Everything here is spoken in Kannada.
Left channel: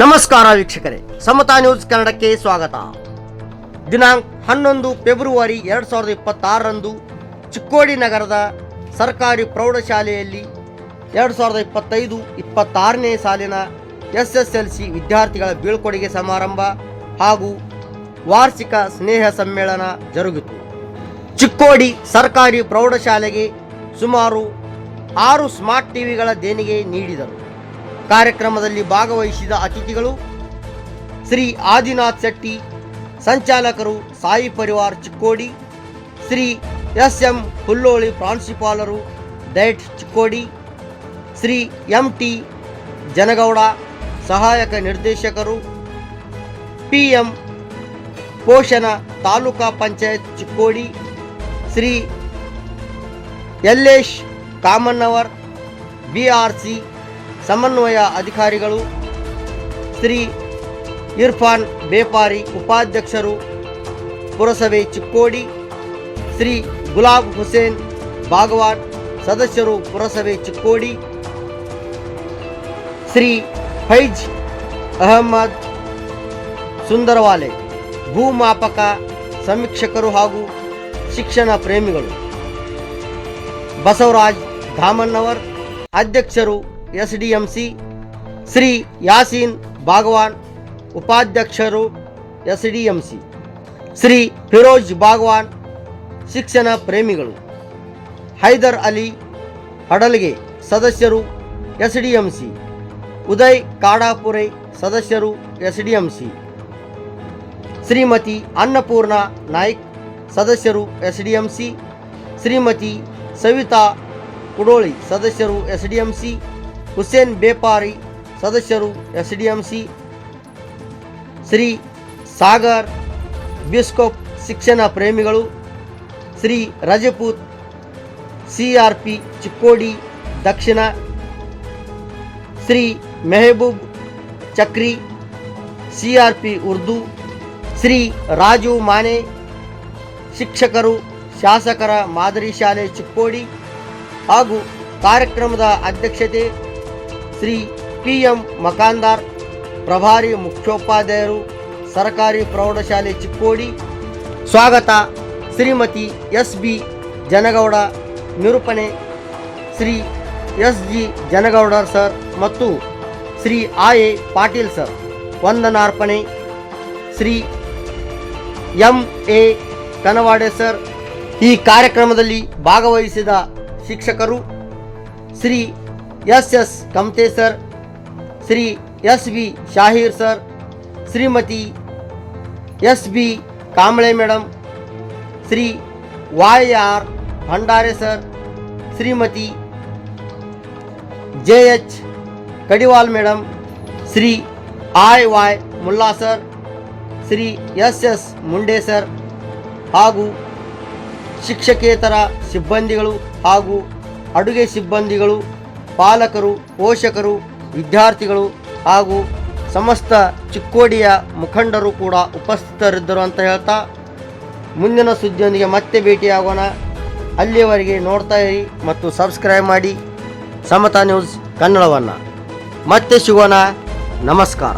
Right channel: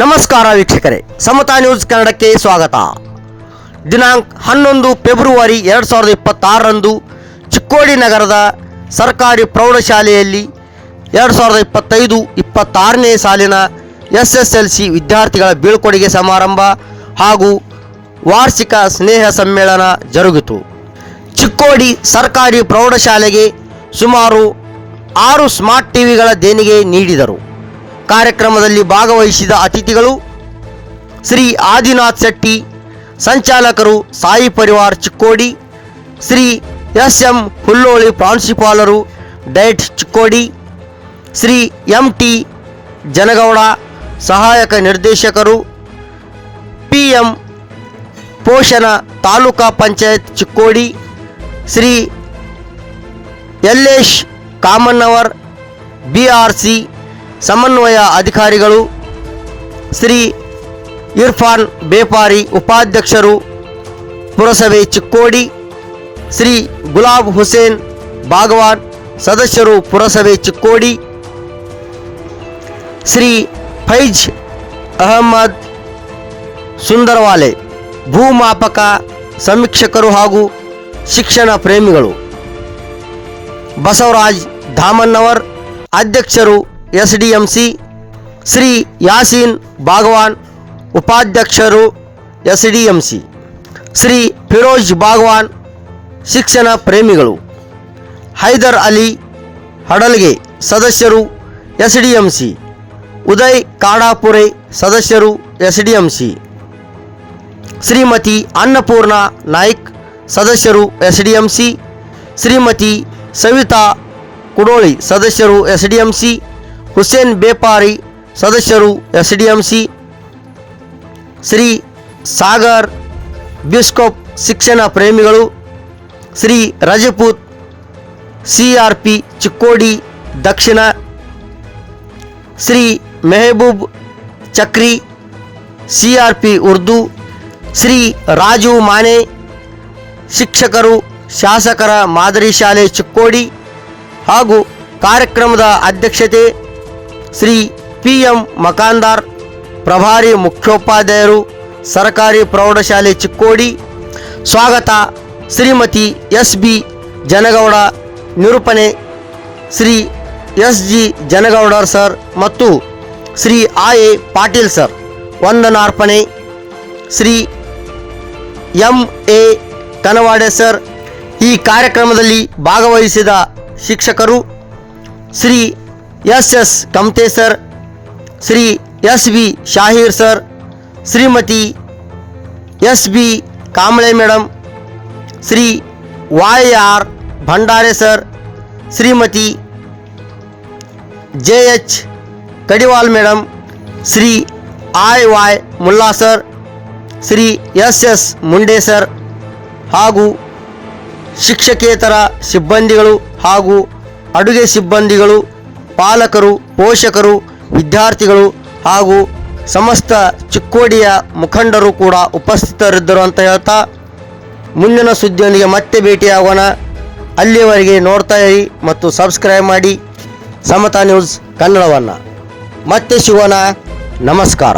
ನಮಸ್ಕಾರ ವೀಕ್ಷಕರೇ, ಸಮತಾ ನ್ಯೂಸ್ ಕನ್ನಡಕ್ಕೆ ಸ್ವಾಗತ. ದಿನಾಂಕ 11 ಫೆಬ್ರವರಿ 2026ರಂದು ಚಿಕ್ಕೋಡಿ ನಗರದ ಸರ್ಕಾರಿ ಪ್ರೌಢಶಾಲೆಯಲ್ಲಿ 2025-26ನೇ ಸಾಲಿನ SSLC ವಿದ್ಯಾರ್ಥಿಗಳ ಬೀಳ್ಕೊಡುಗೆ ಸಮಾರಂಭ ಹಾಗೂ ವಾರ್ಷಿಕ ಸ್ನೇಹ ಸಮ್ಮೇಳನ ಜರುಗಿತು. ಚಿಕ್ಕೋಡಿ ಸರ್ಕಾರಿ ಪ್ರೌಢಶಾಲೆಗೆ ಸುಮಾರು 6 ಸ್ಮಾರ್ಟ್ ಟಿವಿಗಳ ದೇಣಿಗೆ ನೀಡಿದರು. ಕಾರ್ಯಕ್ರಮದಲ್ಲಿ ಭಾಗವಹಿಸಿದ ಅತಿಥಿಗಳು ಶ್ರೀ ಆದಿನಾಥ್ ಶೆಟ್ಟಿ, ಸಂಚಾಲಕರು ಸಾಯಿ ಪರಿವಾರ್ ಚಿಕ್ಕೋಡಿ, ಶ್ರೀ SM ಹುಲ್ಲೋಳಿ ಪ್ರಾಂಶುಪಾಲರು ಡಯಟ್ ಚಿಕ್ಕೋಡಿ, ಶ್ರೀ MT ಜನಗೌಡ ಸಹಾಯಕ ನಿರ್ದೇಶಕರು, PM ಪೋಷಣ ತಾಲೂಕಾ ಪಂಚಾಯತ್ ಚಿಕ್ಕೋಡಿ, ಶ್ರೀ ಯಲ್ಲೇಶ್ ಕಾಮನ್ನವರ್ BRC ಸಮನ್ವಯ ಅಧಿಕಾರಿಗಳು, ಶ್ರೀ ಇರ್ಫಾನ್ ಬೇಪಾರಿ ಉಪಾಧ್ಯಕ್ಷರು ಪುರಸಭೆ ಚಿಕ್ಕೋಡಿ, ಶ್ರೀ ಗುಲಾಬ್ ಹುಸೇನ್ ಭಾಗವಾನ್ ಸದಸ್ಯರು ಪುರಸಭೆ ಚಿಕ್ಕೋಡಿ, ಶ್ರೀ ಫೈಜ್ ಅಹಮದ್ ಸುಂದರವಾಲೆ ಭೂಮಾಪಕ ಸಮೀಕ್ಷಕರು ಹಾಗೂ ಶಿಕ್ಷಣ ಪ್ರೇಮಿಗಳು, ಬಸವರಾಜ್ ಧಾಮನ್ನವರ್ ಅಧ್ಯಕ್ಷರು SDMC, ಶ್ರೀ ಯಾಸೀನ್ ಭಾಗವಾನ್ ಉಪಾಧ್ಯಕ್ಷರು SDMC, ಶ್ರೀ ಫಿರೋಜ್ ಭಾಗವಾನ್ ಶಿಕ್ಷಣ ಪ್ರೇಮಿಗಳು, ಹೈದರ್ ಅಲಿ ಹಡಲ್ಗೆ ಸದಸ್ಯರು SDMC, ಉದಯ್ ಕಾಡಾಪುರೆ ಸದಸ್ಯರು SDMC, ಶ್ರೀಮತಿ ಅನ್ನಪೂರ್ಣ ನಾಯ್ಕ್ ಸದಸ್ಯರು SDMC, ಶ್ರೀಮತಿ ಸವಿತಾ ಕುಡೋಳಿ ಸದಸ್ಯರು SDMC, ಹುಸೇನ್ ಬೇಪಾರಿ ಸದಸ್ಯರು SDMC, ಶ್ರೀ ಸಾಗರ್ ಬಿಸ್ಕೋಪ್ ಶಿಕ್ಷಣ ಪ್ರೇಮಿಗಳು, ಶ್ರೀ ರಜಪೂತ್ CRP ಚಿಕ್ಕೋಡಿ ದಕ್ಷಿಣ, ಶ್ರೀ ಮೆಹಬೂಬ್ ಚಕ್ರಿ CRP ಉರ್ದು, ಶ್ರೀ ರಾಜು ಮಾನೆ ಶಿಕ್ಷಕರು ಶಾಸಕರ ಮಾದರಿ ಶಾಲೆ ಚಿಕ್ಕೋಡಿ ಹಾಗೂ ಕಾರ್ಯಕ್ರಮದ ಅಧ್ಯಕ್ಷತೆ ಶ್ರೀ PM ಮಕಾಂದಾರ್ ಪ್ರಭಾರಿ ಮುಖ್ಯೋಪಾಧ್ಯಾಯರು ಸರ್ಕಾರಿ ಪ್ರೌಢಶಾಲೆ ಚಿಕ್ಕೋಡಿ. ಸ್ವಾಗತ ಶ್ರೀಮತಿ SB ಜನಗೌಡ, ನಿರೂಪಣೆ ಶ್ರೀ SG ಜನಗೌಡರ್ ಸರ್ ಮತ್ತು ಶ್ರೀ A ಪಾಟೀಲ್ ಸರ್. ವಂದನಾರ್ಪಣೆ ಶ್ರೀ MA ಕನವಾಡೆ ಸರ್. ಈ ಕಾರ್ಯಕ್ರಮದಲ್ಲಿ ಭಾಗವಹಿಸಿದ ಶಿಕ್ಷಕರು Shri SS Kamte sir, Shri SB Shahir sir, Shrimati SB Kamble madam, Shri YR Bhandare sir, Shrimati JH Kadiwal madam, Shri IY Mulla sir, Shri SS Munde sir ಹಾಗೂ ಶಿಕ್ಷಕೇತರ ಸಿಬ್ಬಂದಿಗಳು ಹಾಗೂ ಅಡುಗೆ ಸಿಬ್ಬಂದಿಗಳು, ಪಾಲಕರು, ಪೋಷಕರು, ವಿದ್ಯಾರ್ಥಿಗಳು ಹಾಗೂ ಸಮಸ್ತ ಚಿಕ್ಕೋಡಿಯ ಮುಖಂಡರು ಕೂಡ ಉಪಸ್ಥಿತರಿದ್ದರು ಅಂತ ಹೇಳ್ತಾ, ಮುಂದಿನ ಸುದ್ದಿಯೊಂದಿಗೆ ಮತ್ತೆ ಭೇಟಿಯಾಗೋಣ. ಅಲ್ಲಿಯವರೆಗೆ ನೋಡ್ತಾ ಇರಿ ಮತ್ತು ಸಬ್ಸ್ಕ್ರೈಬ್ ಮಾಡಿ ಸಮತಾ ನ್ಯೂಸ್ ಕನ್ನಡವನ್ನು. ಮತ್ತೆ ಸಿಗೋಣ. ನಮಸ್ಕಾರ.